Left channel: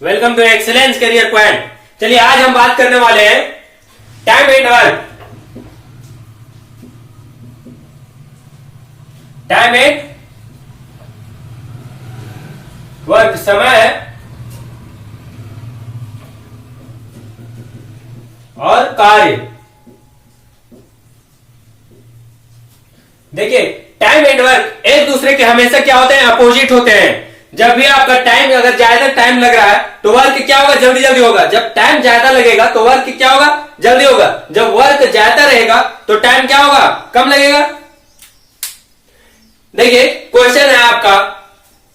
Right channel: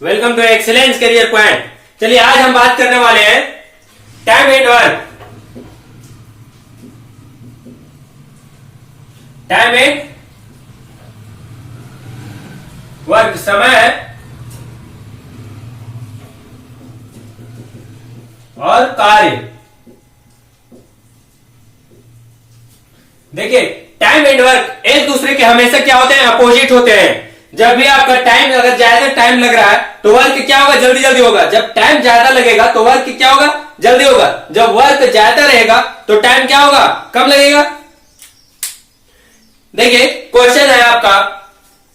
Welcome to excellence career point. चलिए आज हम बात करने वाले हैं time and work. Time and work, समय और कार्य। देखिए टाइम एंड वर्क एक दूसरे के हमेशा क्या होते हैं, अपोजिट होते हैं। जब भी आपका टाइम अगर ज्यादा टाइम लग रहा है तो वर्क क्या होगा, जल्दी जल्दी होगा। जब टाइम ज्यादा लगेगा तो वर्क क्या होगा, जल्दी होगा। जब वर्क ज्यादा रहेगा तो टाइम क्या होगा, कम लगेगा। देखिए क्वेश्चन है आपका,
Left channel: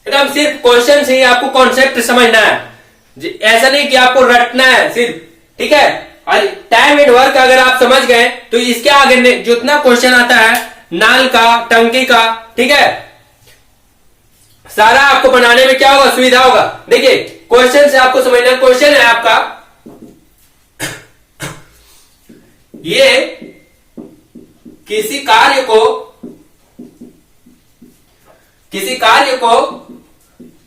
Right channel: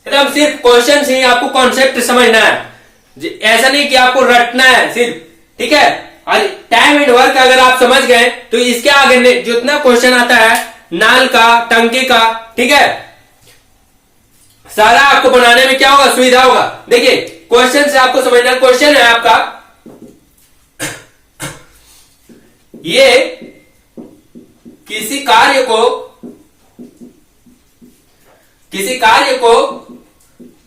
एकदम सिर्फ क्वेश्चन से ही आपको कॉन्सेप्ट समझना है, ऐसा नहीं कि आपको रटना है सिर्फ, ठीक है। और टाइम एंड वर्क अगर आप समझ गए तो इसके आगे जितना क्वेश्चन आता है नाल का, टंकी का, ठीक है, सारा आपको बनाने में क्या होगा, सुविधा होगा। देखिए क्वेश्चन से आपको समझना, क्वेश्चन है आपका ये किसी कार्य को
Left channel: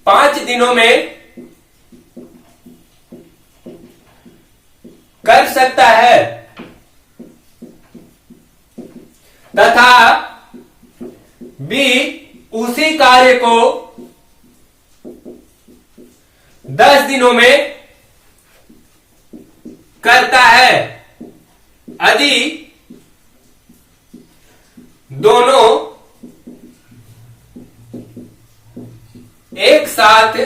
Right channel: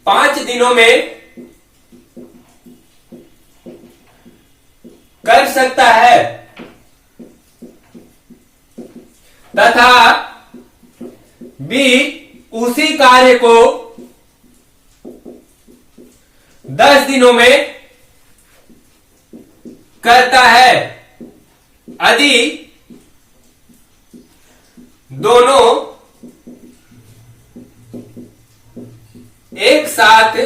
5 दिनों में कर सकता है तथा बी उसी कार्य को 10 दिनों में करता है यदि दोनों एक साथ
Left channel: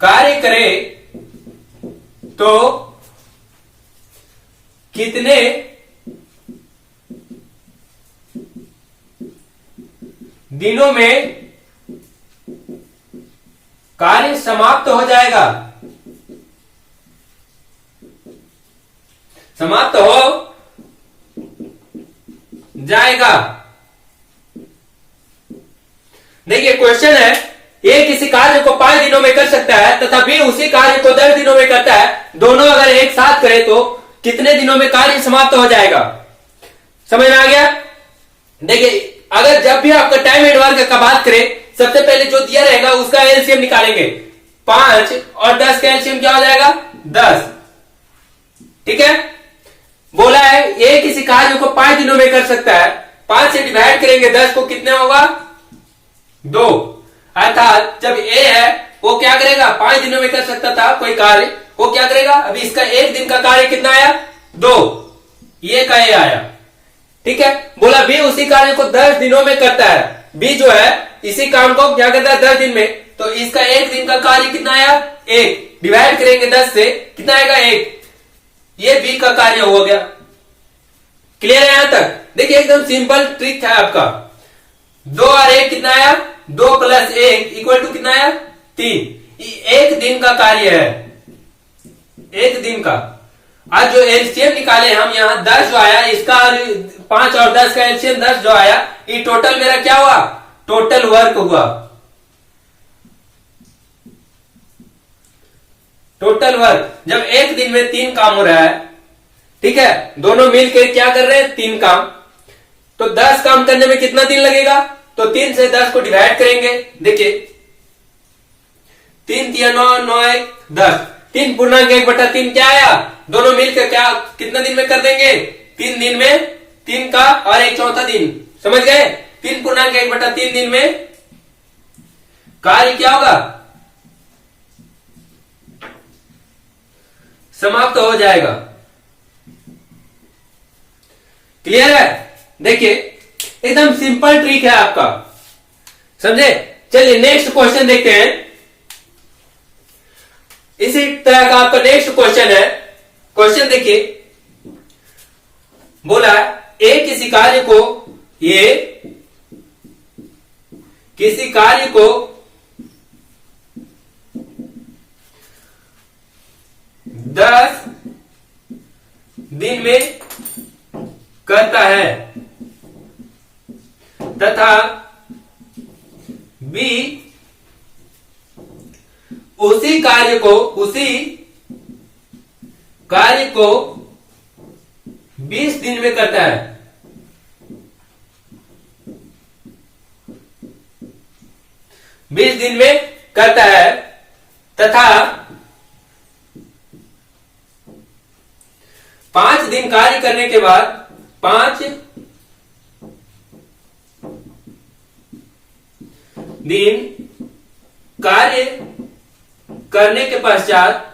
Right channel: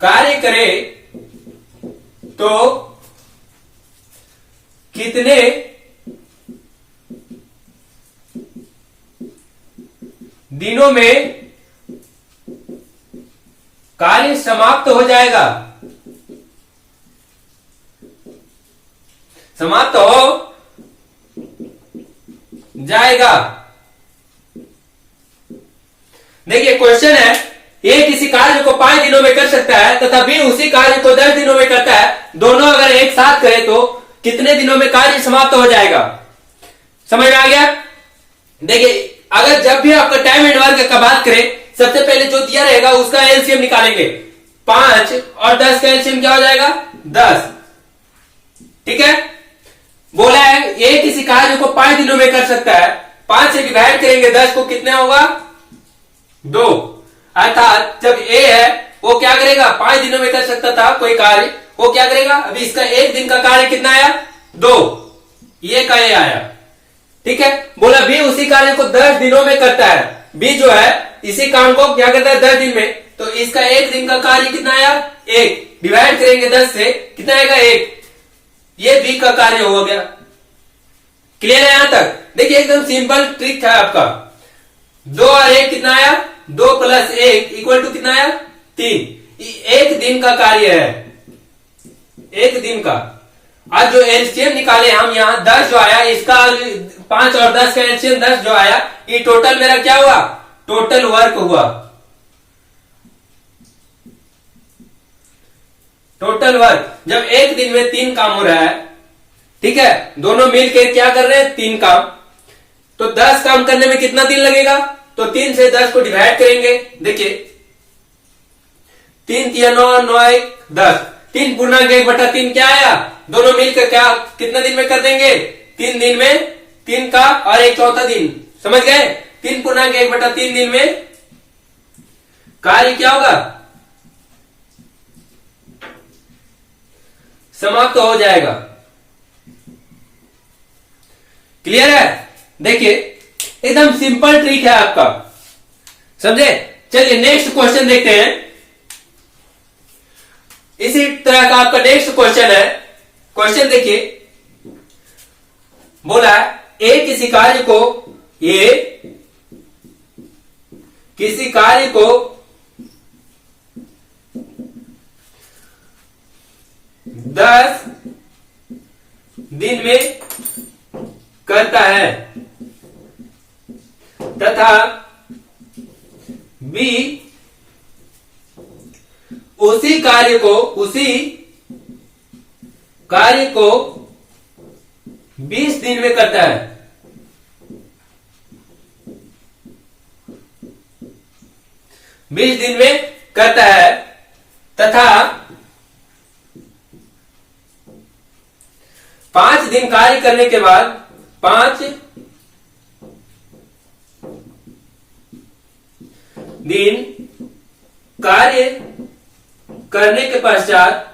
कार्य करें तो कितने दिनों में कार्य समाप्त हो जाएगा। समाप्त हो जाएगा। देखिए क्वेश्चन है, ए किसी कार्य को 5 दिनों में कर सकता है तथा बी उसी कार्य को 10 दिनों में करता है। दोनों अगर एक साथ करें तो कितने दिनों में कार्य समाप्त हो जाएगा। समझ में आ गया। देखिए अगर जब भी आपका टाइम एंड वर्क का बात करें, सबसे पहले जो दिया रहेगा उसका एलसीएम निकालेंगे। 5 और 10 का एलसीएम क्या हो जाएगा, 10, ठीक है। बोला है ए किसी कार्य को 5 दिनों में कर सकता है, 5 से डिवाइड करेंगे 10 को, कितना होगा, 2। अर्थात जब ए है वो क्या करेगा, 5 दिनों में कर सकता था कोई कार्य, वो क्या करेगा, अभी इसका 1 दिन का कार्य कितना आया, 2, ये का ए आया, ठीक है। बोला बी उसी कार्य को 10 दिनों में करता है। बी जो है इसी काम को क्या करता है 10 दिन में, तो इसका 1 दिन का कार्य कितना आया, 1, डिवाइड करेंगे 10 से, कितना आएगा, 1। ये बी का कार्य हो गया। क्लियर है यहां तक। देखिए एकदम सिंपल ट्रिक है आपका। 2 और 1 कितना आया, 2 + 1 इक्वल टू कितना आया, 3। 1 दिन का कार्य है, 1 दिन का। आज जो एलसीएम निकाले हम यहाँ 10 जो आया, इसका 5 और 10 का एलसीएम 10 जो आया, ये टोटल मेरा क्या हुआ, टोटल वर्क हुआ। टोटल वर्क जब 1 दिन में 3 काम हो रहा है, ठीक है, दोनों मिलकर क्या कर रहे हैं, 3 काम, तो 10 काम करने में कितना दिन लगेगा, तो 3 से 10 को डिवाइड करेंगे। देखिए 3 × 9 9 1 10, 3 पूर्णांक 1/3 क्या आया, दोनों मिलकर क्या कितना दिन में कर देंगे, 3 दिन में 3 का और 1 चौथा दिन, समझ गए। 3 पूर्णांक 1/3 दिन में कार्य क्या होगा, समाप्त हो जाएगा। क्लियर है। देखिए एकदम सिंपल ट्रिक है आपका, समझे। चलिए नेक्स्ट क्वेश्चन देखते हैं। इसी तरह का आपका नेक्स्ट क्वेश्चन है। क्वेश्चन देखिए, बोला ए किसी कार्य को 10 दिन में करता है तथा बी उसी कार्य को 20 दिन में करता है। 20 दिन में करता है तथा 5 दिन कार्य करने के बाद 5 दिन कार्य करने के पश्चात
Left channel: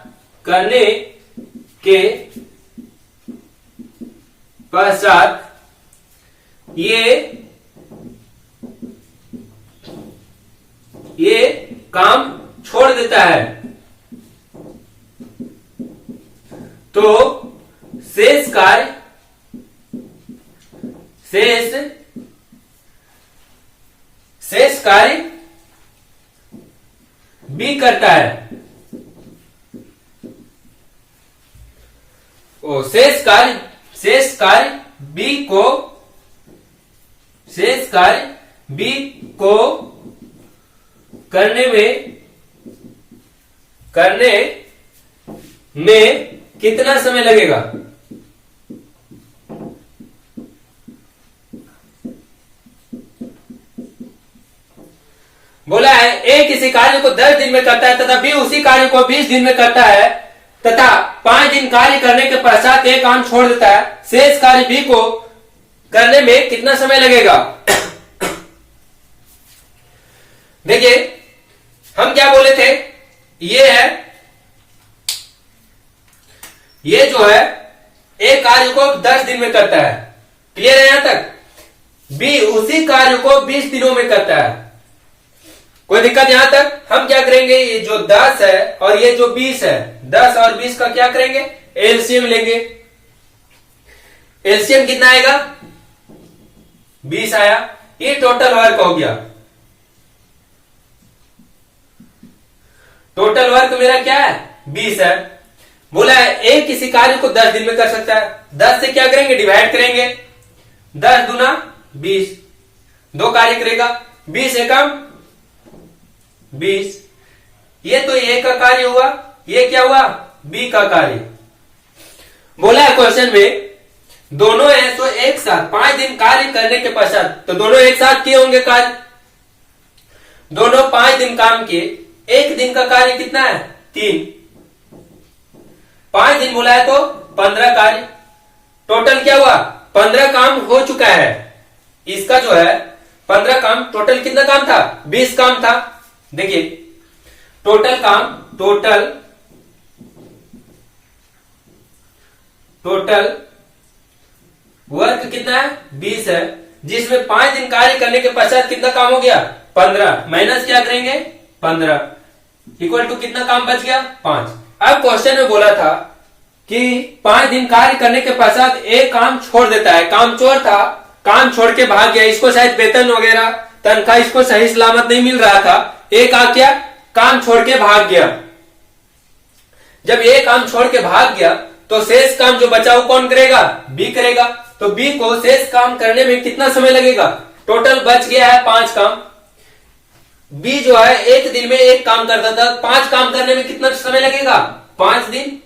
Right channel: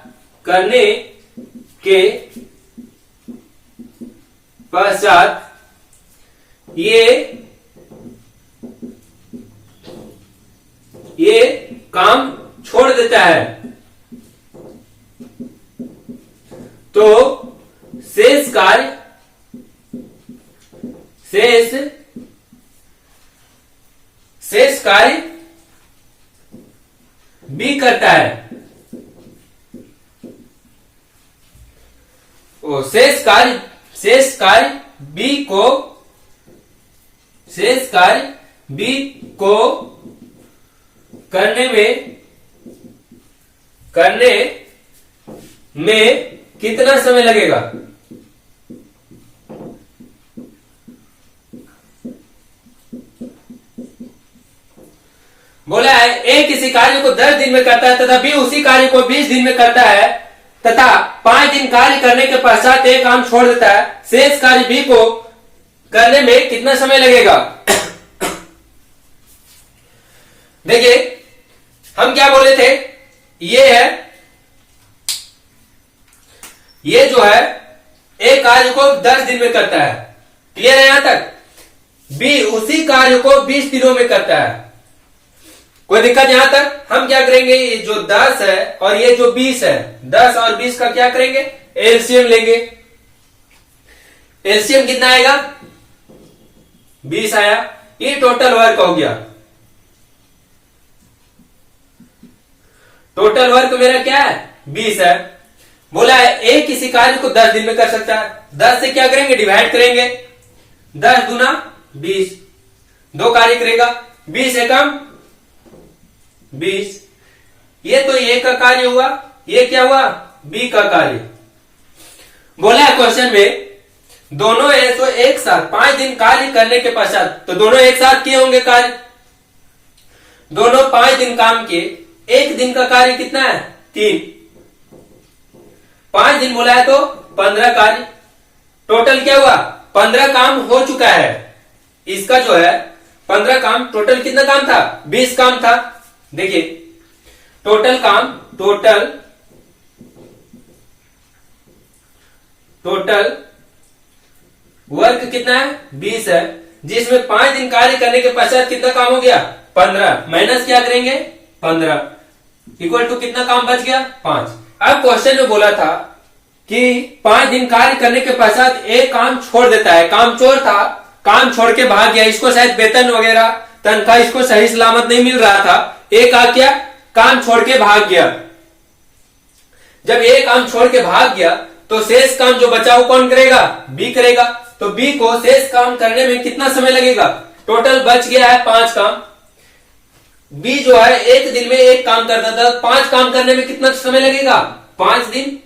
ये काम छोड़ देता है तो शेष कार्य बी करता है। शेष कार्य बी को करने में कितना समय लगेगा? बोला है ए किसी कार्य को 10 दिन में करता है तथा बी उसी कार्य को 20 दिन में करता है तथा 5 दिन कार्य करने के पश्चात एक काम छोड़ देता है। शेष कार्य बी को करने में कितना समय लगेगा? देखिए हम क्या बोले थे, ये जो है एक कार्य को 10 दिन में करता है, क्लियर है यहां तक। बी उसी कार्य को 20 दिनों में करता है, कोई दिक्कत यहां तक। हम क्या करेंगे, ये जो 10 है और ये जो 20 है, 10 और 20 का क्या करेंगे, एलसीएम लेंगे। एलसीएम कितना आएगा, 20 आया। ये टोटल वर्क हो गया। टोटल वर्क मेरा क्या है, 20 है। बोला है ए किसी कार्य को 10 दिन में कर सकता है, 10 से क्या करेंगे, डिवाइड करेंगे। 10 दूना 20, 2 कार्य करेगा, 20 एकम 20। ये तो ए का कार्य हुआ, ये क्या हुआ, बी का कार्य। बोला है क्वेश्चन में दोनों है तो एक साथ 5 दिन कार्य करने के पश्चात, तो दोनों एक साथ किए होंगे कार्य। दोनों 5 दिन काम किए, एक दिन का कार्य कितना है, 3। 5 दिन बोला है तो 15 कार्य। टोटल क्या हुआ, 15 काम हो चुका है। इसका जो है 15 काम, टोटल कितना काम था, 20 काम था। देखिए टोटल काम, टोटल वर्क कितना है, 20 है, जिसमें 5 दिन कार्य करने के पश्चात कितना काम हो गया, 15। माइनस क्या करेंगे, 15 इक्वल टू कितना काम बच गया, 5। अब क्वेश्चन में बोला था कि 5 दिन कार्य करने के पश्चात एक काम छोड़ देता है। काम चोर था, काम छोड़ के भाग गया, इसको शायद वेतन वगैरह तनख्वाह इसको सही सलामत नहीं मिल रहा था। एक आ क्या, काम छोड़ के भाग गया। जब ये काम छोड़ के भाग गया तो शेष काम जो बचा वो कौन करेगा, बी करेगा। तो बी को शेष काम करने में कितना समय लगेगा, टोटल बच गया है 5 काम। बी जो है एक दिन में एक काम करता था, 5 काम करने में कितना समय लगेगा, 5 दिन।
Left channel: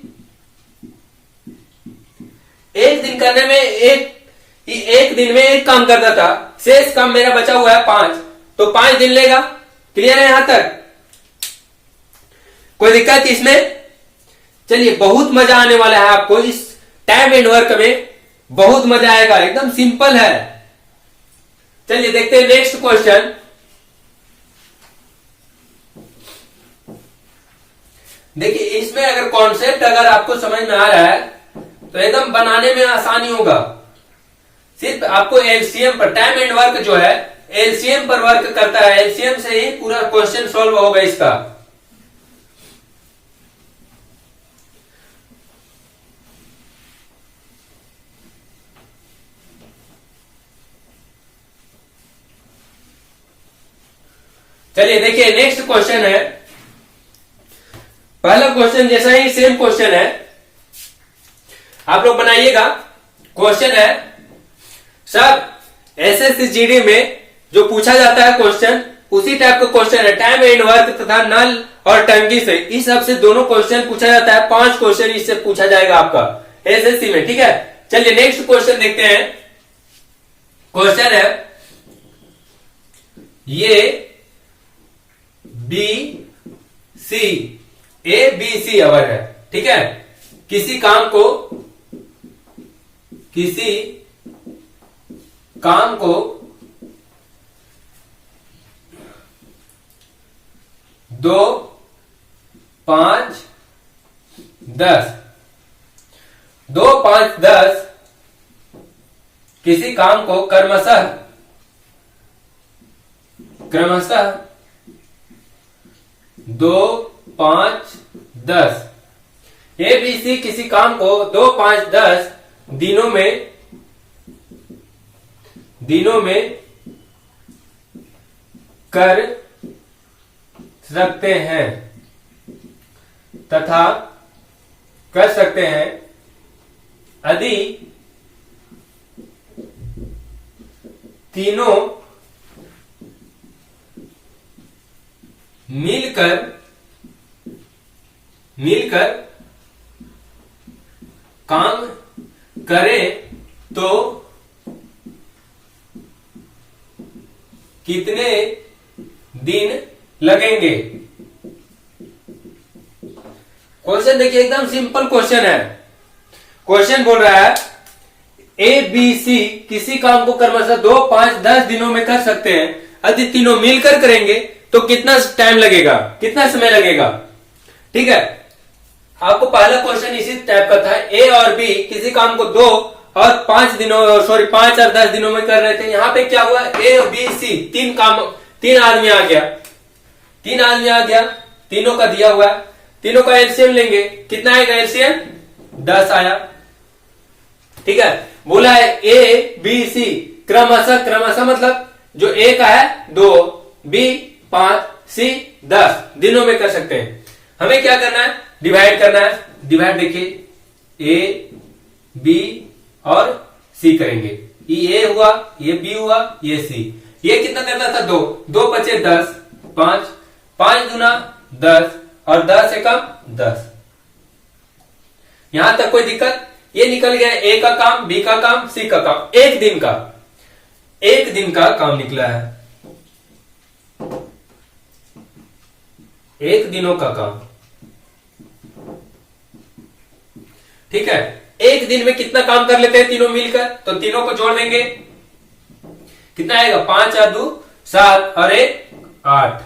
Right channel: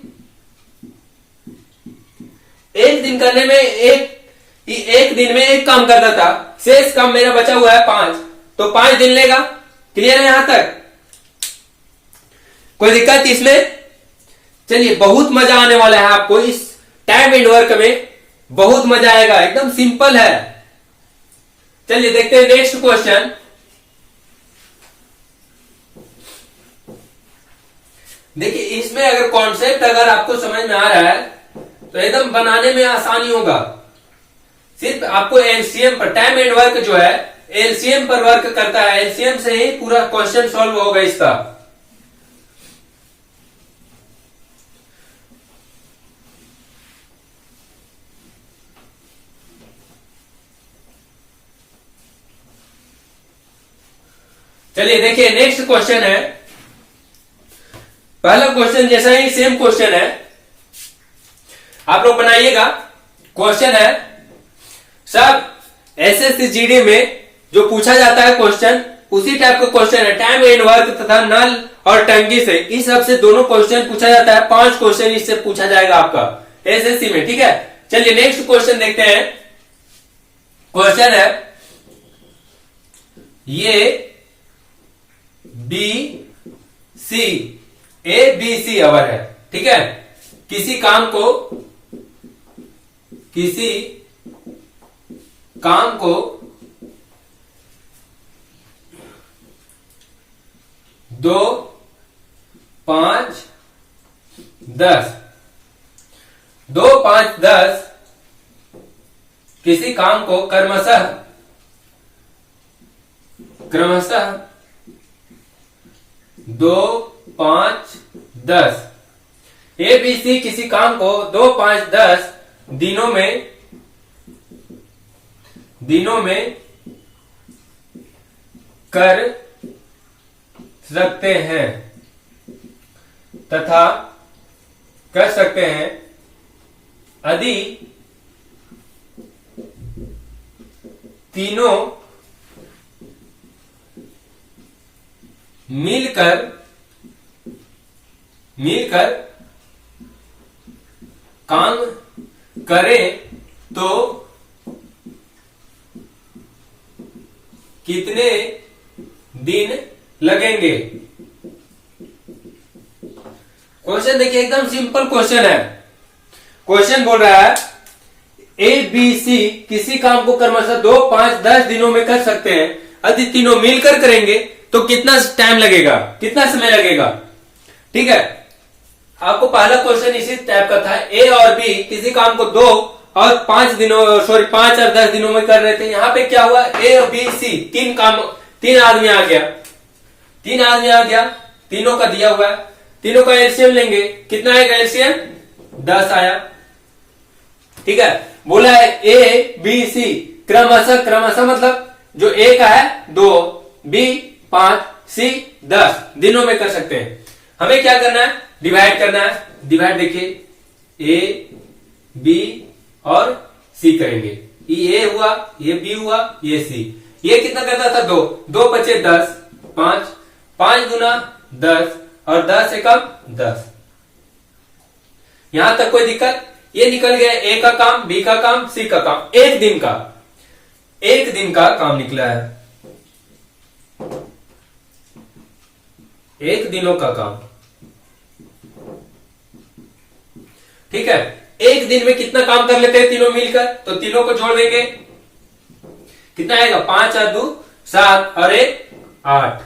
एक दिन करने में एक दिन में एक काम करता था, शेष काम मेरा बचा हुआ है 5, तो 5 दिन लेगा। क्लियर है यहां तक, कोई दिक्कत इसमें? चलिए बहुत मजा आने वाला है आपको इस टाइम एंड वर्क में, बहुत मजा आएगा, एकदम सिंपल है। चलिए देखते हैं नेक्स्ट क्वेश्चन। देखिए इसमें अगर कॉन्सेप्ट अगर आपको समझ में आ रहा है तो एकदम बनाने में आसानी होगा। सिर्फ आपको एलसीएम पर, टाइम एंड वर्क जो है एलसीएम पर वर्क करता है, एलसीएम से ही पूरा क्वेश्चन सॉल्व होगा इसका। चलिए देखिए नेक्स्ट क्वेश्चन है। पहला क्वेश्चन जैसा ही सेम क्वेश्चन है, आप लोग बनाइएगा। क्वेश्चन है सब एसएससी जीडी में जो पूछा जाता है क्वेश्चन, उसी टाइप का क्वेश्चन है। टाइम एंड वर्क तथा नल और टंकी से, इस सब से दोनों क्वेश्चन पूछा जाता है। 5 क्वेश्चन इससे पूछा जाएगा आपका एसएससी में, ठीक है। चलिए नेक्स्ट क्वेश्चन देखते हैं। क्वेश्चन है ये B C, A B C hour है, ठीक है। किसी काम को 2, 5, 10, 2, 5, 10 किसी काम को क्रमशः 2, 5, 10 ए बी सी किसी काम को 2, 5, 10 दिनों में कर सकते हैं तथा कर सकते हैं यदि तीनों मिलकर काम करें तो कितने दिन लगेंगे। क्वेश्चन देखिए, एकदम सिंपल क्वेश्चन है। क्वेश्चन बोल रहा है ए बी सी किसी काम को क्रमशः 2, 5, 10 दिनों में कर सकते हैं, यदि तीनों मिलकर करेंगे तो कितना टाइम लगेगा, कितना समय लगेगा, ठीक है। आपको पहला क्वेश्चन इसी टाइप का था, ए और बी किसी काम को 2 और 5 और 10 दिनों में कर रहे थे। यहां पे क्या हुआ, ए और बी सी तीन आदमी आ गया, तीनों का दिया हुआ, तीनों का एलसीएम लेंगे, कितना आएगा एलसीएम, 10 आया, ठीक है। बोला है ए बी सी क्रमशः मतलब जो ए का है 2, बी 5, सी 10 दिनों में कर सकते हैं। हमें क्या करना है, डिवाइड करना है। डिवाइड देखिए, ए बी और सी करेंगे, ये ए हुआ, ये बी हुआ, ये सी। ये कितना करता था, 2, 2 बचे 10, 5, 5 दूना 10 और 10 एकम 10। यहां तक कोई दिक्कत, ये निकल गया ए का काम, बी का काम, सी का काम, एक दिन का काम निकला है, एक दिनों का काम, ठीक है। एक दिन में कितना काम कर लेते हैं तीनों मिलकर, तो तीनों को जोड़ देंगे, कितना आएगा, 5 और 2 7 और 1 8।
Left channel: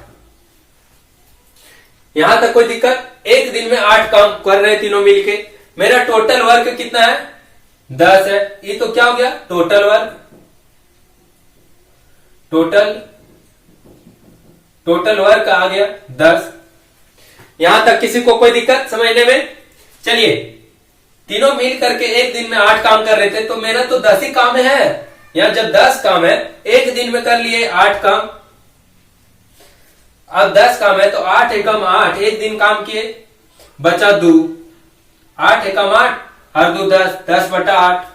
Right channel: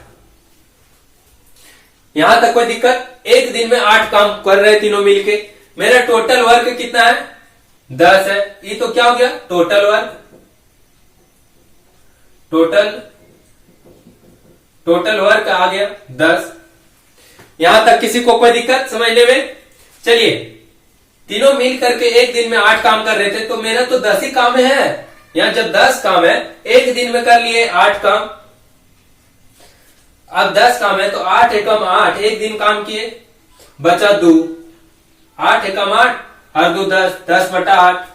यहां तक कोई दिक्कत, एक दिन में 8 काम कर रहे तीनों मिलके। मेरा टोटल वर्क कितना है, 10 है। ये तो क्या हो गया, टोटल वर्क, टोटल वर्क आ गया 10। यहां तक किसी को कोई दिक्कत समझने में। चलिए, तीनों मिल करके एक दिन में 8 काम कर रहे थे, तो मेरा तो 10 ही काम है। यहां जब 10 काम है, एक दिन में कर लिए 8 काम, अब 10 काम है तो 8 एकम 8, एक दिन काम किए, बचा 2, 8 एकम 8 और 2 10, 10 बटा 8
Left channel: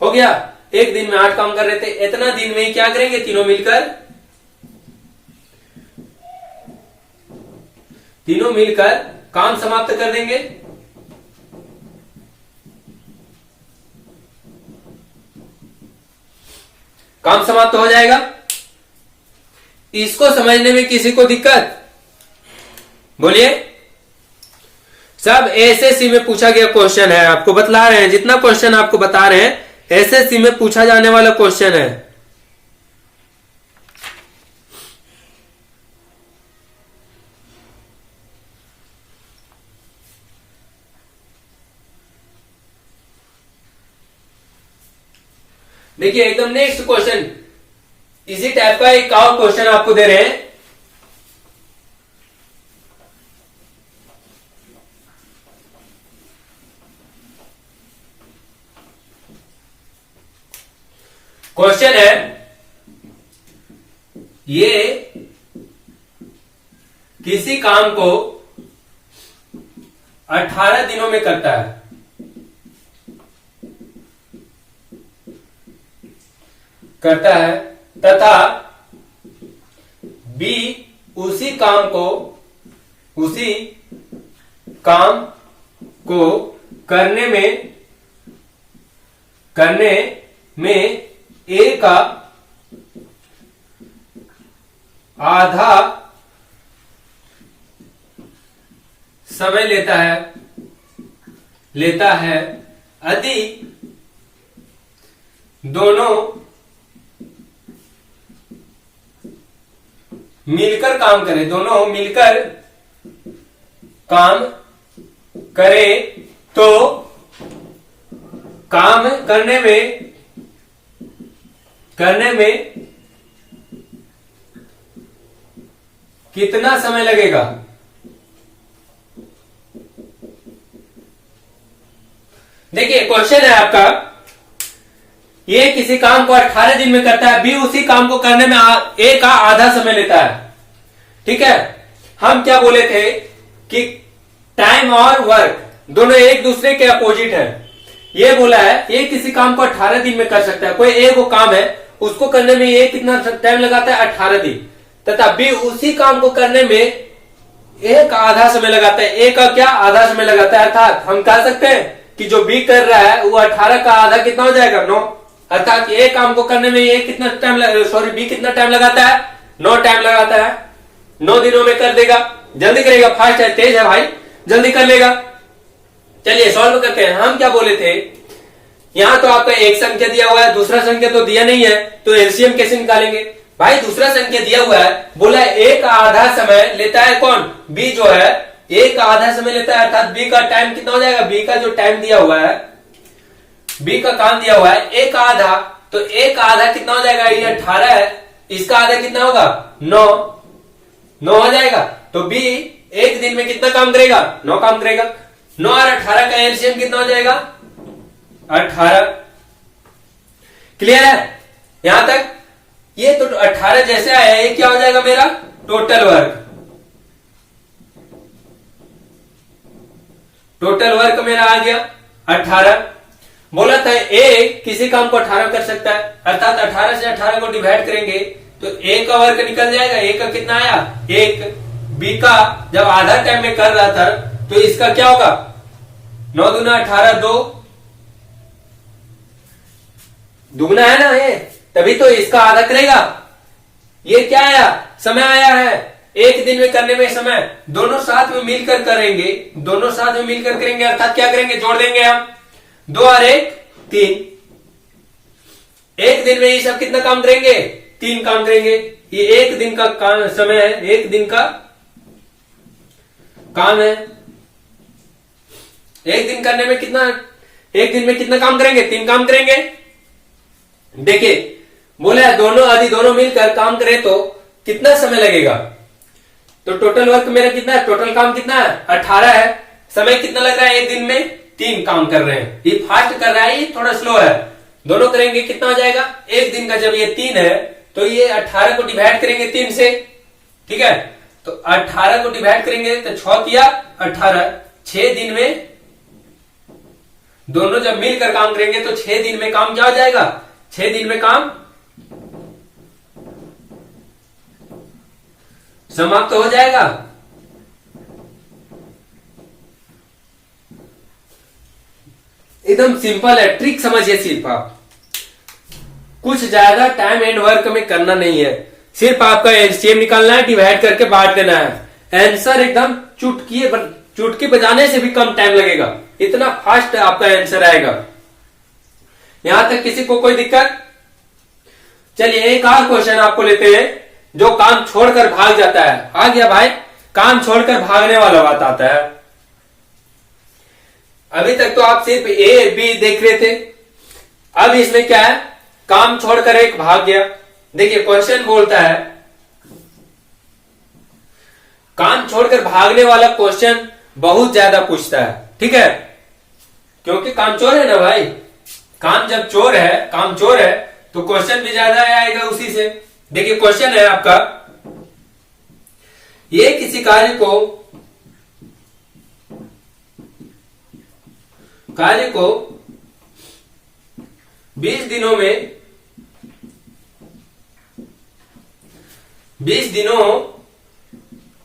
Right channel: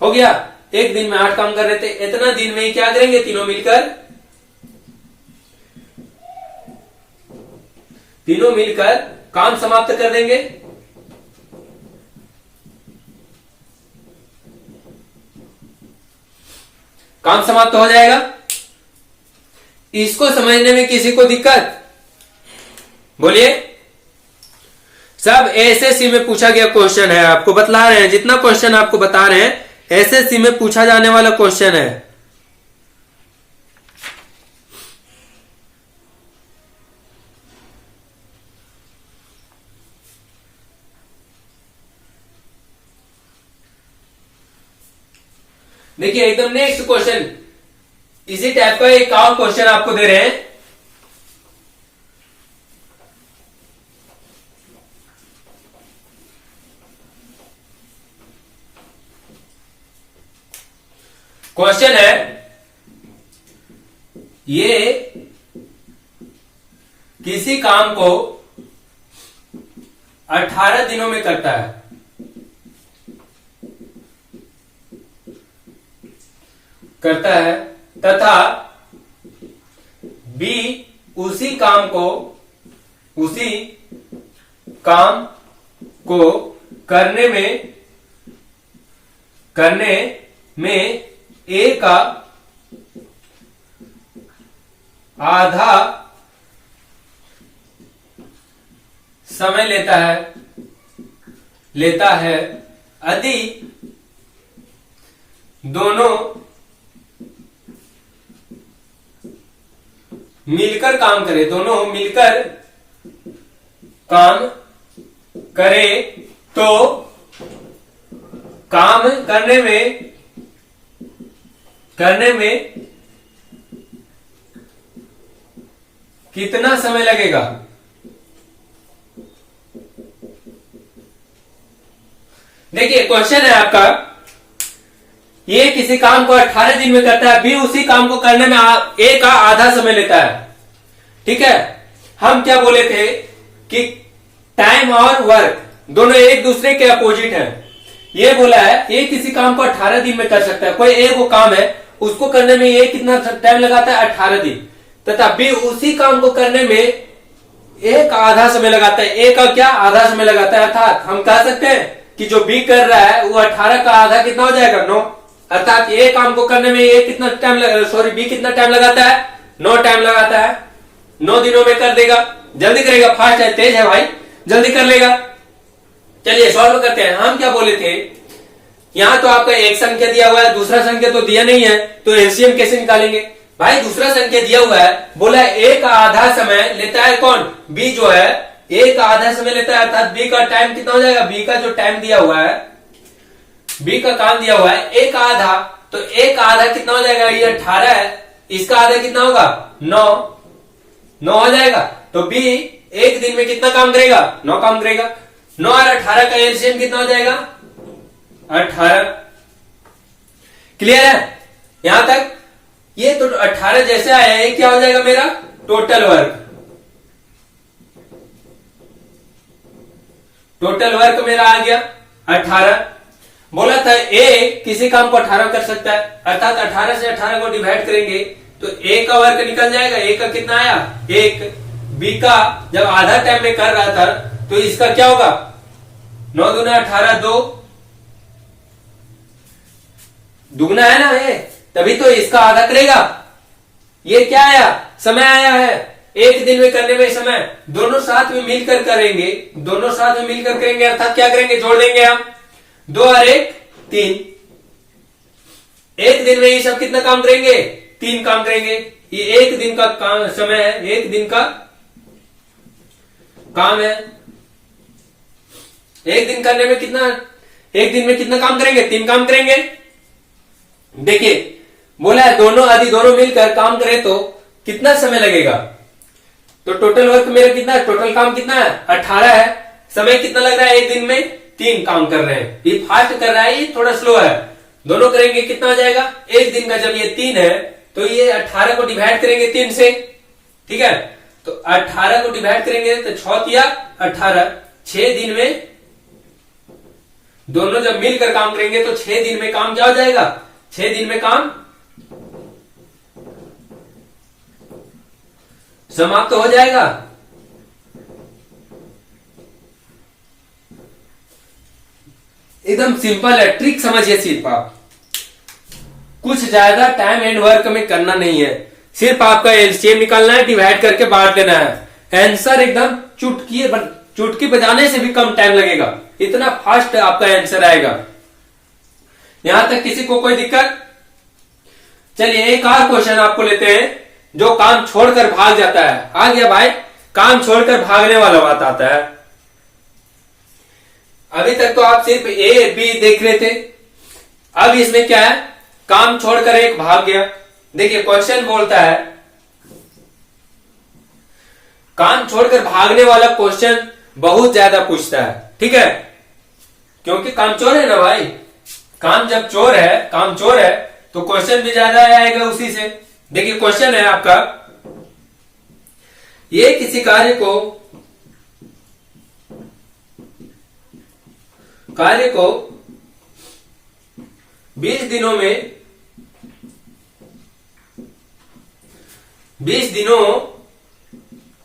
हो गया। एक दिन में 8 काम कर रहे थे, इतना दिन में क्या करेंगे तीनों मिलकर, काम समाप्त कर देंगे। काम समाप्त हो जाएगा। इसको समझने में किसी को दिक्कत, बोलिए। सब एसएससी में पूछा गया क्वेश्चन है, आपको बतला रहे हैं, जितना क्वेश्चन आपको बता रहे हैं एसएससी में पूछा जाने वाला क्वेश्चन है। देखिए, एकदम नेक्स्ट क्वेश्चन इसी टाइप का एक और क्वेश्चन आपको दे रहे हैं। क्वेश्चन है, ये किसी काम को 18 दिनों में करता है, तथा बी उसी काम को करने में ए का समय लेता है यदि दोनों मिलकर काम करे तो काम करने में कितना समय लगेगा? देखिए क्वेश्चन है आपका, ये किसी काम को 18 दिन में करता है, बी उसी काम को करने में ए का आधा समय लेता है। ठीक है, हम क्या बोले थे कि टाइम और वर्क दोनों एक दूसरे के अपोजिट है। ये बोला है ये किसी काम को 18 दिन में कर सकता है, कोई एक वो काम है उसको करने में ये कितना टाइम लगाता है 18 दिन, तथा बी उसी काम को करने में ए का आधा समय लगाता है। ए का क्या आधा समय लगाता है, अर्थात हम कह सकते हैं कि जो बी कर रहा है वो 18 का आधा कितना हो जाएगा 9, अर्थात ए काम को करने में ये कितना टाइम बी कितना टाइम लगाता है 9 टाइम लगाता है। 9 दिनों में कर देगा, जल्दी करेगा, फास्ट है, तेज है भाई, जल्दी कर लेगा। चलिए सॉल्व करते हैं। हम क्या बोले थे, यहां तो आपका एक संख्या दिया हुआ है, दूसरा संख्या तो दिया नहीं है, तो एलसीएम कैसे निकालेंगे भाई? दूसरा संख्या दिया हुआ है, बोला है ए का आधा समय लेता है कौन, बी जो है ए का आधा समय लेता है, अर्थात बी का टाइम कितना हो जाएगा, बी का जो टाइम दिया हुआ है, बी का काम दिया हुआ है ए का आधा, तो ए का आधा कितना हो जाएगा, ये 18 है, इसका आधा कितना होगा 9 हो जाएगा। तो बी एक दिन में कितना काम करेगा 9 काम करेगा। 9 और 18 का एलसीएम कितना हो जाएगा 18। क्लियर है यहां तक? ये तो 18 जैसे आया ये क्या हो जाएगा मेरा टोटल वर्क। टोटल वर्क मेरा आ गया 18। बोला था ए किसी काम को 18 कर सकता है, अर्थात 18 से 18 को डिवाइड करेंगे तो ए का वर्क निकल जाएगा। ए का कितना आया 1, बी का जब आधा टाइम में कर रहा था तो इसका क्या होगा 9 दूना 18, 2 दुगना है ना ये, तभी तो इसका आधा करेगा। ये क्या आया समय आया है, एक दिन में करने में समय, दोनों साथ में मिलकर करेंगे, दोनों साथ में मिलकर करेंगे, अर्थात क्या करेंगे जोड़ देंगे हम 2 और 1 3। एक दिन में ये सब कितना काम करेंगे 3 काम करेंगे। ये एक दिन का काम समय है, एक दिन का काम है। एक दिन करने में कितना, एक दिन में कितना काम करेंगे 3 काम करेंगे। देखिए बोला है दोनों आदि दोनों मिलकर काम करें तो कितना समय लगेगा, तो टोटल वर्क मेरा कितना है, टोटल काम कितना है 18 है, समय कितना लग रहा है एक दिन में 3 काम कर रहे हैं। ये फास्ट कर रहा है, ये थोड़ा स्लो है, दोनों करेंगे कितना हो जाएगा एक दिन का। जब ये 3 है तो ये 18 को डिवाइड करेंगे 3 से, ठीक है, तो 18 को डिवाइड करेंगे तो 6 किया 18, 6 दिन में दोनों जब मिलकर काम करेंगे तो 6 दिन में काम क्या हो जाएगा, 6 दिन में काम समाप्त हो जाएगा। एकदम सिंपल है, ट्रिक समझिए सिर्फ आप, कुछ ज्यादा टाइम एंड वर्क में करना नहीं है, सिर्फ आपका एलसीएम निकालना है, डिवाइड करके बांट देना है। आंसर एकदम चुटकी बजाने से भी कम टाइम लगेगा, इतना फास्ट आपका आंसर आएगा। यहां तक किसी को कोई दिक्कत? चलिए एक और क्वेश्चन आपको लेते हैं, जो काम छोड़कर भाग जाता है। आ गया भाई, काम छोड़कर भागने वाला बात आता है। अभी तक तो आप सिर्फ ए बी देख रहे थे, अब इसमें क्या है, काम छोड़कर एक भाग गया। देखिए क्वेश्चन बोलता है काम छोड़कर भागने वाला क्वेश्चन बहुत ज्यादा पूछता है, ठीक है, क्योंकि काम चोर है ना भाई, काम जब चोर है, काम चोर है तो क्वेश्चन भी ज्यादा आएगा उसी से। देखिए क्वेश्चन है आपका, ये किसी कार्य को 20 दिनों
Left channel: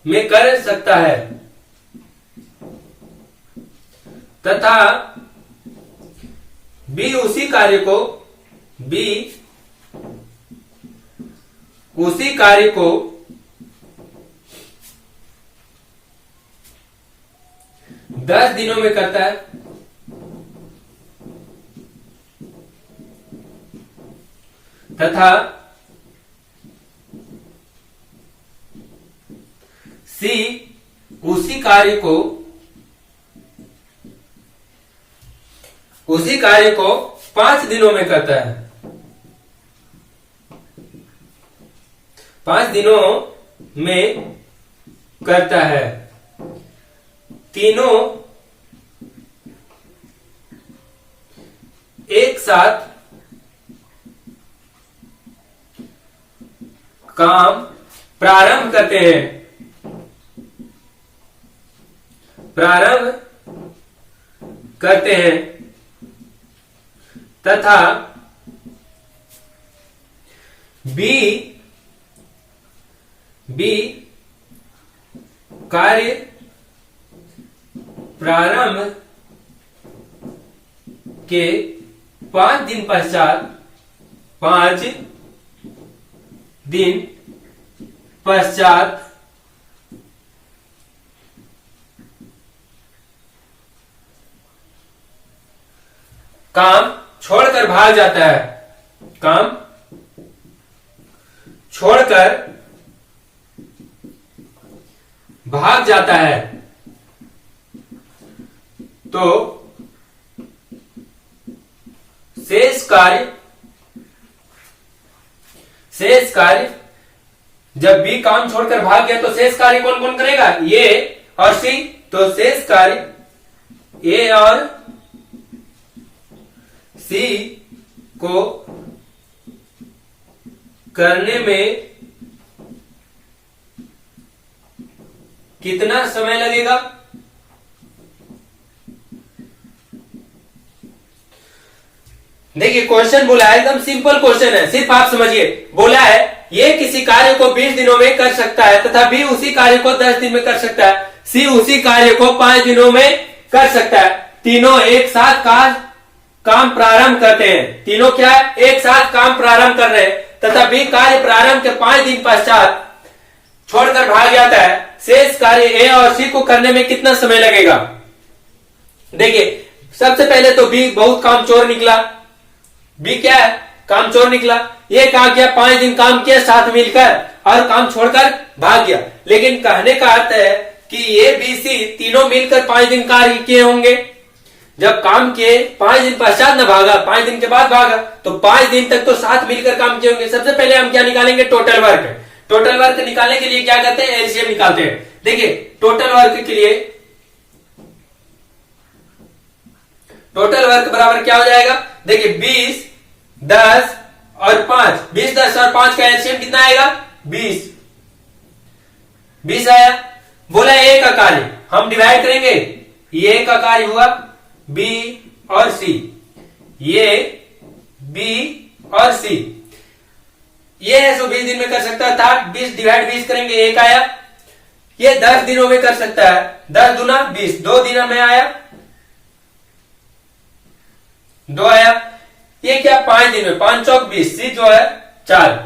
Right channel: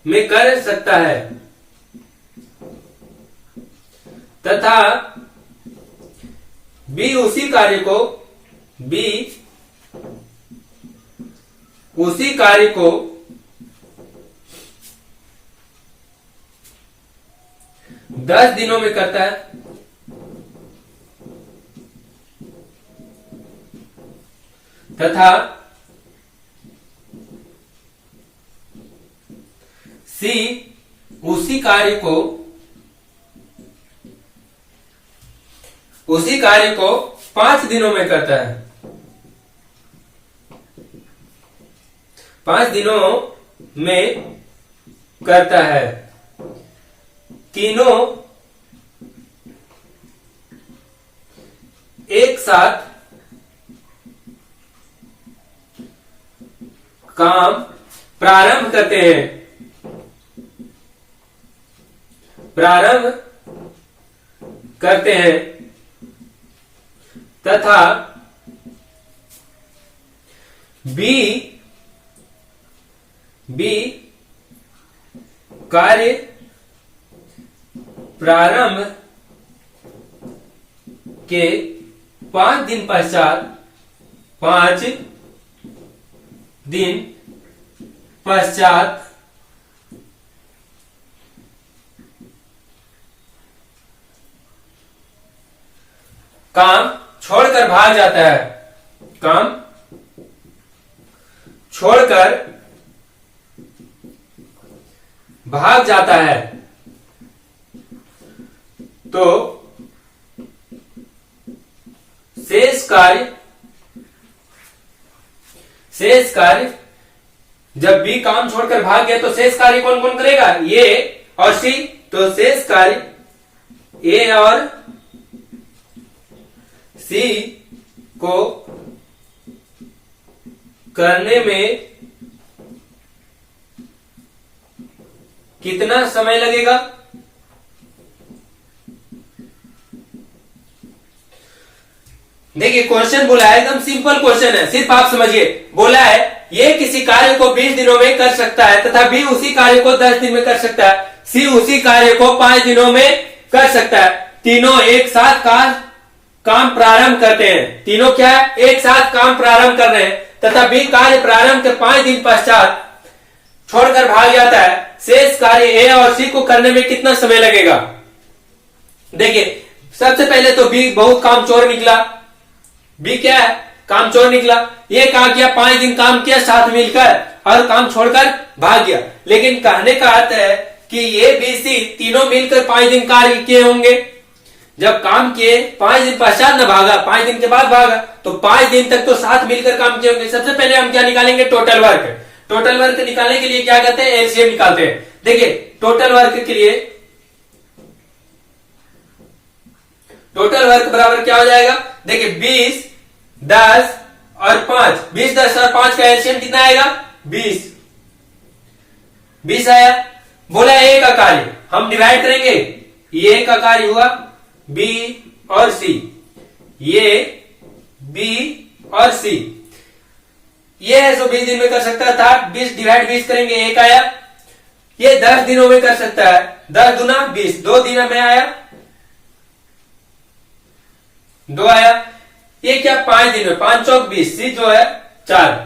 में कर सकता है तथा बी उसी कार्य को 10 दिनों में करता है तथा सी उसी कार्य को 5 दिनों में करता है। 5 दिनों में करता है। तीनों एक साथ काम प्रारंभ करते हैं। तथा बी कार्य प्रारंभ के 5 दिन पश्चात काम छोड़कर भाग जाता है। काम छोड़कर भाग जाता है। तो शेष कार्य जब बी काम छोड़कर भाग गया तो शेष कार्य कौन कौन करेगा? ए और सी। तो शेष कार्य ए और सी को करने में कितना समय लगेगा? देखिए क्वेश्चन बोला है, एकदम सिंपल क्वेश्चन है, सिर्फ आप समझिए। बोला है ये किसी कार्य को 20 दिनों में कर सकता है तथा बी उसी कार्य को 10 दिन में कर सकता है, सी उसी कार्य को 5 दिनों में कर सकता है। तीनों एक साथ काम प्रारंभ करते हैं। तीनों क्या एक साथ काम प्रारंभ कर रहे हैं तथा बी कार्य प्रारंभ के 5 दिन पश्चात छोड़कर भाग जाता है। शेष कार्य ए और सी को करने में कितना समय लगेगा? देखिए सबसे पहले तो बी बहुत कामचोर निकला। बी क्या है? कामचोर निकला। ये क्या किया? 5 दिन काम किया साथ मिलकर और काम छोड़कर भाग गया। लेकिन कहने का अर्थ है कि ए बी सी तीनों मिलकर 5 दिन कार्य किए होंगे। जब काम किए 5 दिन पश्चात न भागा, 5 दिन के बाद भागा, तो 5 दिन तक तो साथ मिलकर काम किए होंगे। सबसे पहले हम क्या निकालेंगे? Total work. टोटल वर्क निकालने के लिए क्या करते हैं? एलसीएम निकालते हैं। देखिए टोटल वर्क के लिए टोटल वर्क बराबर क्या हो जाएगा? देखिए 20, 10 और 5। 20, 10 और 5 का एलसीएम कितना आएगा? 20। 20 आया। बोला ए का कार्य हम डिवाइड करेंगे। ए का कार्य हुआ बी और सी, ये बी और सी। ये है जो 20 दिन में कर सकता था। 20 डिवाइड 20 करेंगे, 1 आया। ये 10 दिनों में कर सकता है। 10 दूना 20, 2 दिनों में आया, 2 आया। ये क्या 5 दिन में, 5 चौक 20, सी जो है 4।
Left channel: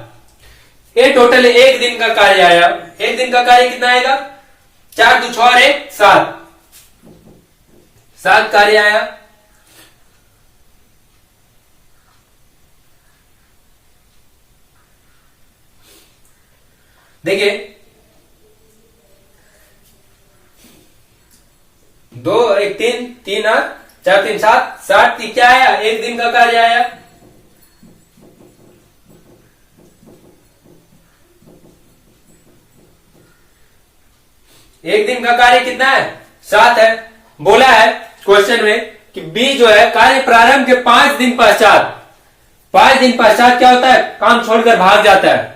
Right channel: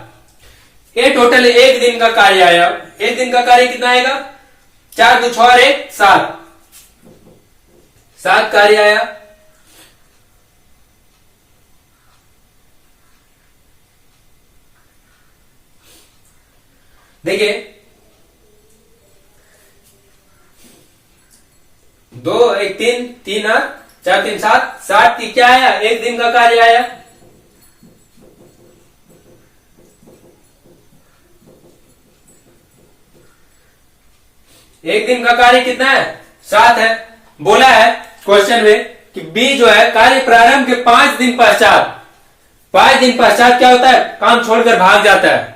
ये टोटल 1 दिन का कार्य आया। 1 दिन का कार्य कितना आएगा? 4 2 6 और 1 7। 7 कार्य आया। देखिए 2 1 3 3 और 4 3 7। 7 की क्या आया? 1 दिन का कार्य आया। एक दिन का कार्य कितना है? 7 है। बोला है क्वेश्चन में कि बी जो है कार्य प्रारंभ के 5 दिन पश्चात, 5 दिन पश्चात क्या होता है? काम छोड़कर भाग जाता है।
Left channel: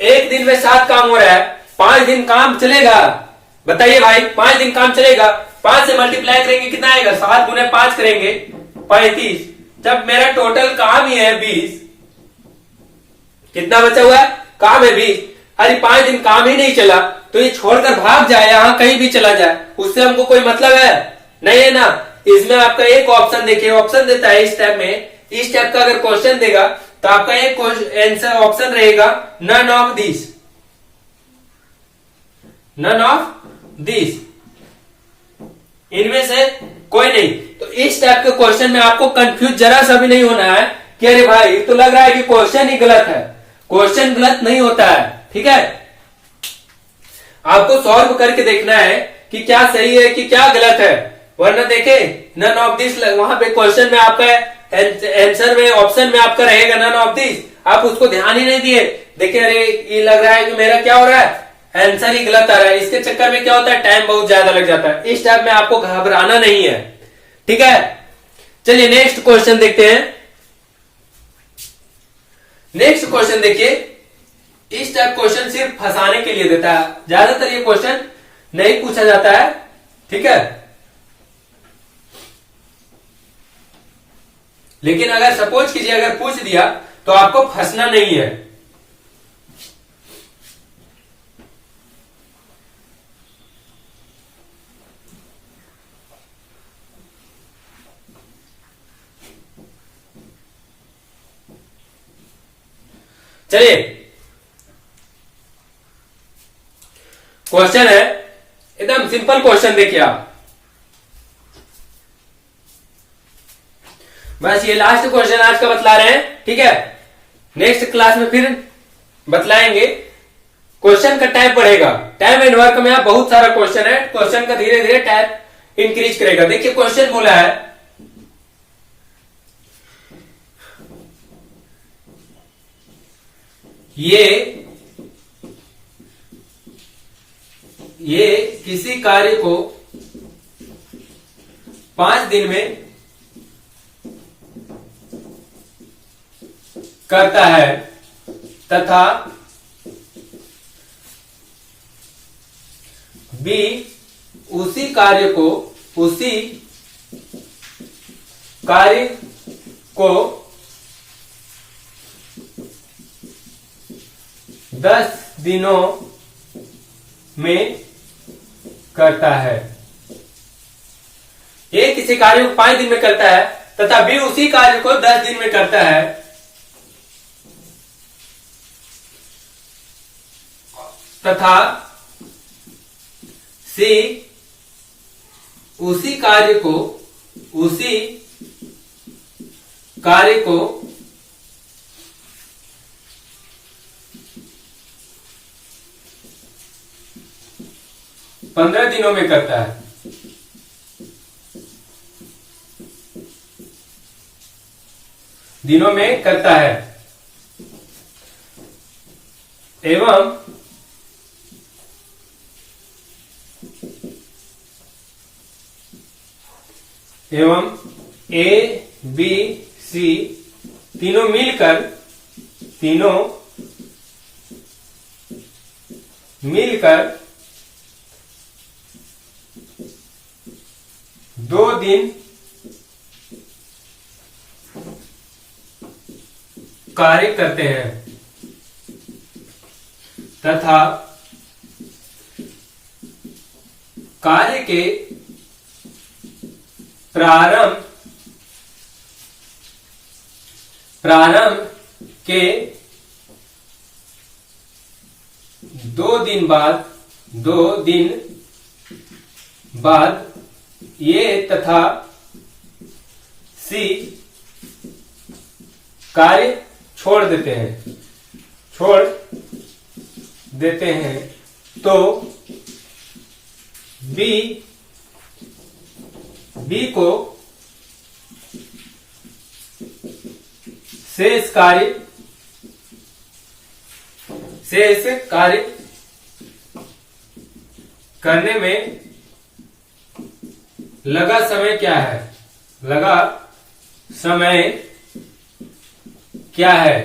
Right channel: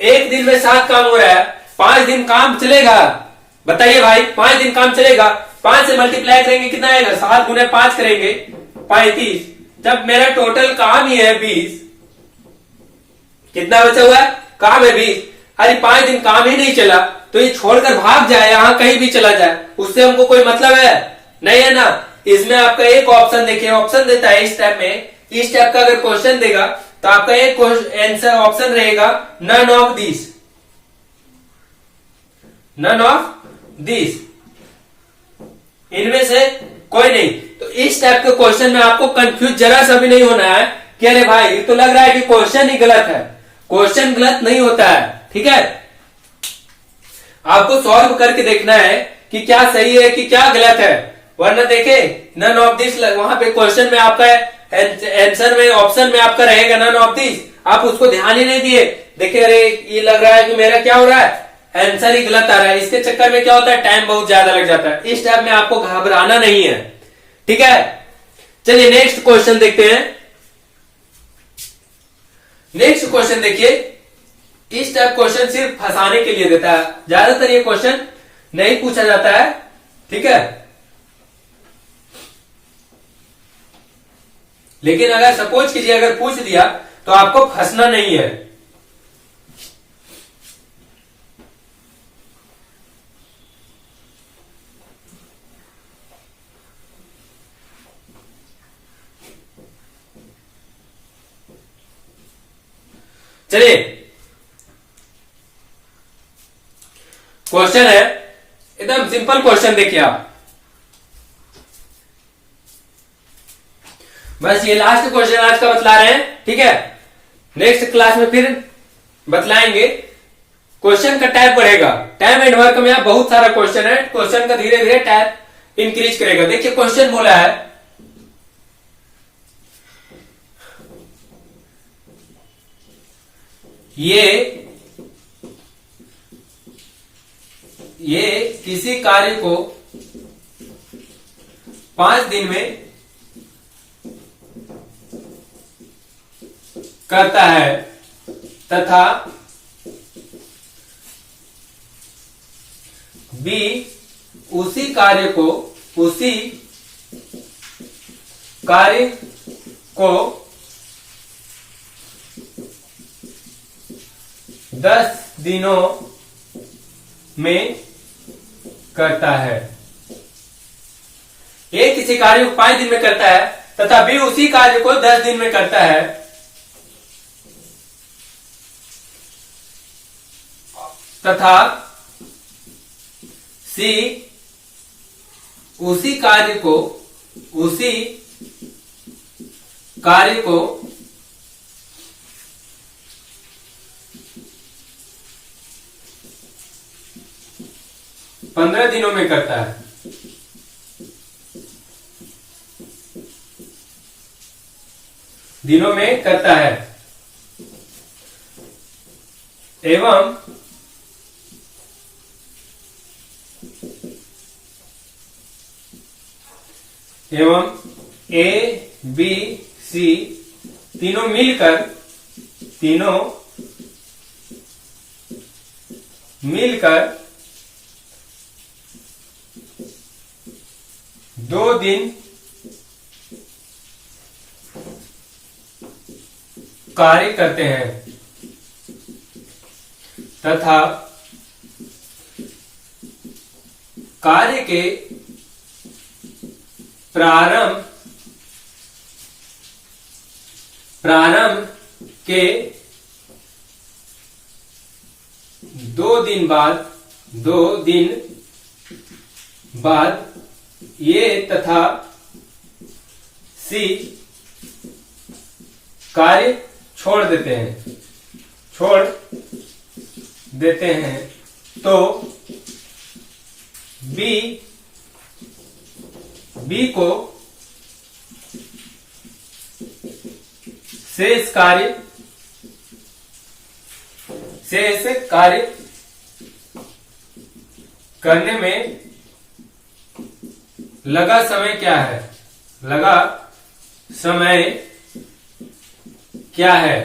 एक दिन में 7 काम हो रहा है, 5 दिन काम चलेगा। बताइए भाई 5 दिन काम चलेगा। 5 से मल्टीप्लाई करेंगे कितना आएगा? 7 गुने 5 करेंगे 35। जब मेरा टोटल काम ही है 20, कितना बचा हुआ है? काम है 20। अरे 5 दिन काम ही नहीं चला तो ये छोड़कर भाग जाए, यहां कहीं भी चला जाए, उससे हमको कोई मतलब है? नहीं है ना। इसमें आपका एक ऑप्शन देखिए, ऑप्शन देता है इस टाइप में। इस टाइप का अगर क्वेश्चन देगा तो आपका एक आंसर ऑप्शन रहेगा none of this. None of this इनमें से कोई नहीं। तो इस टाइप के क्वेश्चन में आपको कंफ्यूज जरा सा भी नहीं होना है कि अरे भाई तो लग रहा है कि क्वेश्चन ही गलत है। क्वेश्चन गलत नहीं होता है, ठीक है। आपको सॉल्व करके देखना है कि क्या सही है कि क्या गलत है, वरना देखे नन ऑफ दिस वहां पे क्वेश्चन में आपका आंसर में ऑप्शन में आपका रहेगा नन ऑफ दिस, आप उसको ध्यान ही नहीं दिए, देखिए अरे ये लग रहा है कि मेरा क्या हो रहा है, आंसर ही गलत आ रहा है। इसके चक्कर में क्या होता है, टाइम बहुत ज्यादा लग जाता है। इस टाइप में आपको घबराना नहीं है, ठीक है। चलिए नेक्स्ट क्वेश्चन देखते हैं। नेक्स्ट क्वेश्चन देखिए, इस टाइप क्वेश्चन सिर्फ फंसाने के लिए देता है, ज्यादातर ये क्वेश्चन नहीं पूछा जाता है, ठीक है। लेकिन अगर सपोज कीजिए अगर पूछ दिया तो आपको फंसना नहीं है। चलिए क्वेश्चन है एकदम सिंपल क्वेश्चन, देखिए आप बस ये लास्ट क्वेश्चन आज का बतला रहे हैं, ठीक है। नेक्स्ट क्लास में फिर बतलाएंगे। क्वेश्चन का टाइप बढ़ेगा, टाइम एंड वर्क में बहुत सारा क्वेश्चन है, क्वेश्चन का धीरे धीरे टाइप इंक्रीज करेगा। देखिए क्वेश्चन बोला है ये किसी कार्य को 5 दिन में करता है तथा बी उसी कार्य को 10 दिनों में करता है। ए किसी कार्य को 5 दिन में करता है तथा बी उसी कार्य को 10 दिन में करता है, तथा सी उसी कार्य को 15 दिनों में करता है। दिनों में करता है एवं ए बी सी तीनों मिलकर 2 दिन कार्य करते हैं तथा कार्य के प्रारंभ के 2 दिन बाद ये तथा सी कार्य छोड़ देते हैं तो बी को शेष कार्य करने में लगा समय क्या है।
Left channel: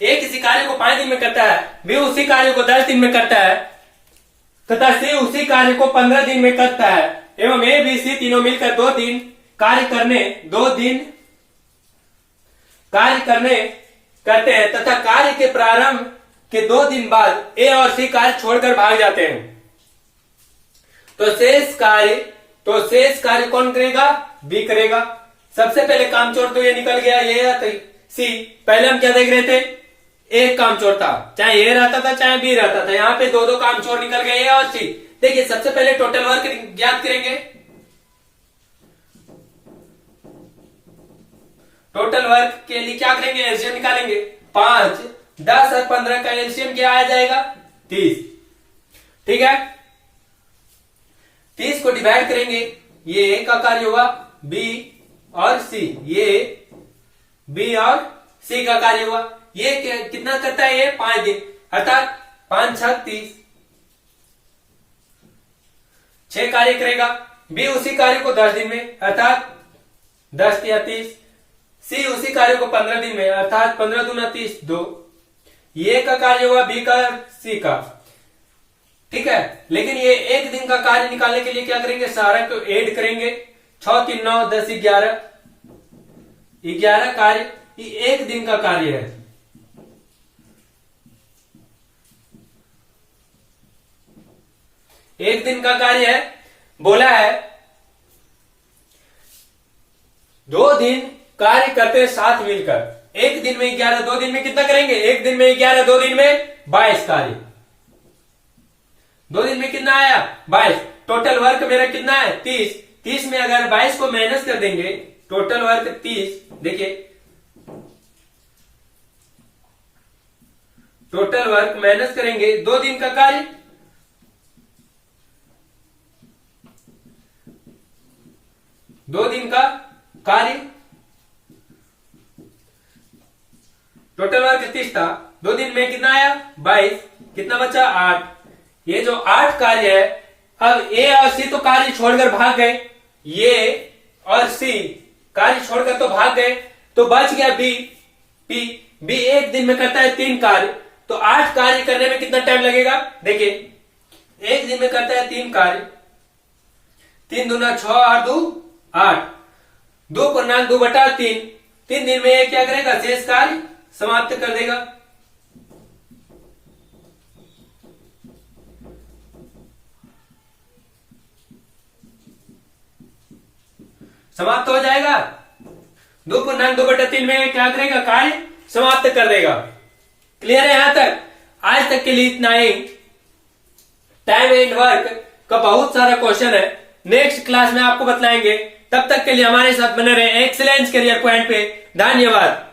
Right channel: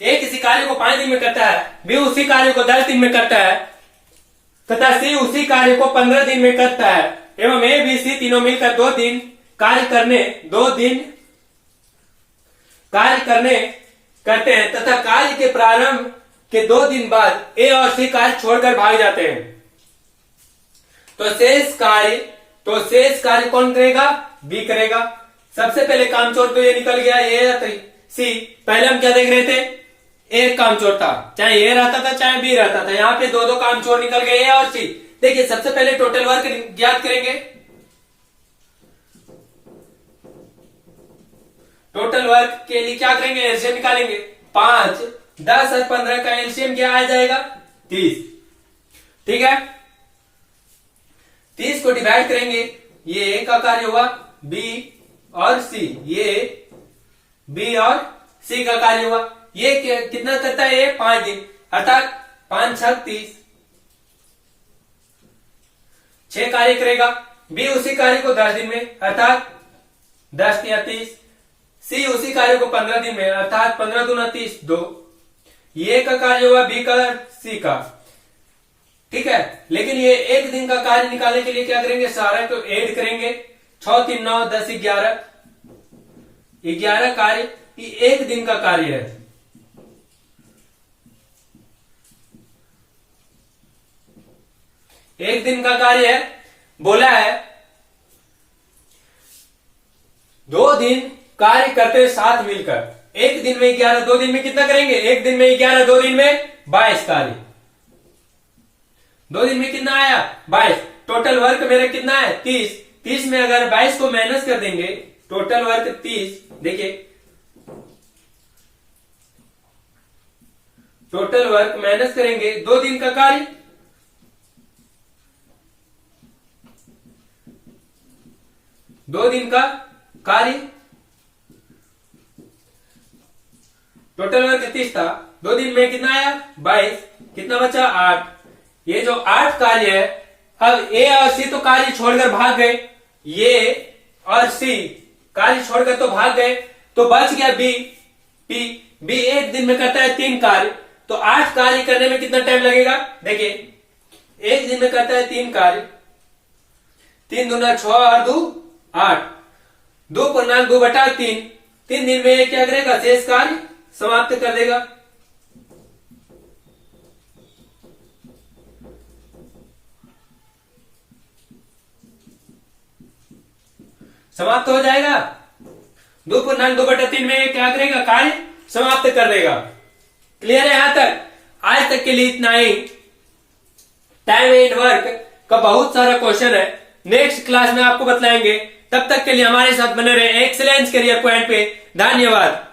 ए किसी कार्य को 5 दिन में करता है, बी उसी कार्य को 10 दिन में करता है तथा सी उसी कार्य को 15 दिन में करता है एवं ए बी सी तीनों मिलकर 2 दिन कार्य करते हैं तथा कार्य के प्रारंभ के 2 दिन बाद ए और सी कार्य छोड़कर भाग जाते हैं। तो शेष कार्य कौन करेगा, बी करेगा। सबसे पहले काम चोर तो ये निकल गया, ये सी। पहले हम क्या देख रहे थे, एक काम चोर था, चाहे ए रहता था चाहे बी रहता था। यहाँ पे 2 काम चोर निकल गए, ए और सी। देखिए सबसे पहले टोटल वर्क ज्ञात करेंगे। टोटल वर्क के लिए क्या करेंगे, एलसीएम निकालेंगे। 5, 10 और 15 का एलसीएम क्या आ जाएगा, 30। ठीक है, 30 को डिवाइड करेंगे, ये ए का कार्य हुआ, बी और सी, ये बी और सी का कार्य हुआ। ये कितना करता है, ये 5 दिन, अर्थात 5 6 30, 6 कार्य करेगा। बी उसी कार्य को 10 दिन में, अर्थात 10 या 30। सी उसी कार्य को 15 दिन में, अर्थात 15 दूना 30, 2। ये का कार्य हुआ बी का, सी का। ठीक है, लेकिन ये एक दिन का कार्य निकालने के लिए क्या करेंगे, सारा को ऐड करेंगे। 6 3 9 10 11, 11 कार्य, ये एक दिन का कार्य है। एक दिन का कार्य है, बोला है 2 दिन कार्य करते हुए साथ मिलकर। एक दिन में 11, 2 दिन में कितना करेंगे, एक दिन में 11, 2 दिन में 22 कार्य। 2 दिन में कितना आया, 22। टोटल वर्क मेरा कितना है, 30। 30 में अगर 22 को माइनस कर देंगे, टोटल वर्क 30। देखिए टोटल वर्क माइनस करेंगे 2 दिन का कार्य, दो दिन का कार्य। टोटल वर्क 30 था, 2 दिन में कितना आया, 22। कितना बचा, 8। ये जो 8 कार्य है, अब ए और सी तो कार्य छोड़कर भाग गए, ये और सी कार्य छोड़कर तो भाग गए, तो बच गया बी। बी एक दिन में करता है 3 कार्य, तो 8 कार्य करने में कितना टाइम लगेगा, देखिए एक दिन में करता है 3 कार्य, 3 दूना 6 और 2 8, 2 पूर्णांक 2 बटा 3। 3 दिन में ये क्या करेगा, शेष कार्य समाप्त कर देगा। समाप्त हो जाएगा। 2 पूर्णांक 2 बटा 3 में क्या करेगा, कार्य समाप्त कर देगा। क्लियर है यहां तक? आज तक के लिए इतना ही। टाइम एंड वर्क का बहुत सारा क्वेश्चन है, नेक्स्ट क्लास में आपको बतलाएंगे। तब तक के लिए हमारे साथ बने रहे एक्सीलेंस करियर पॉइंट पे। धन्यवाद।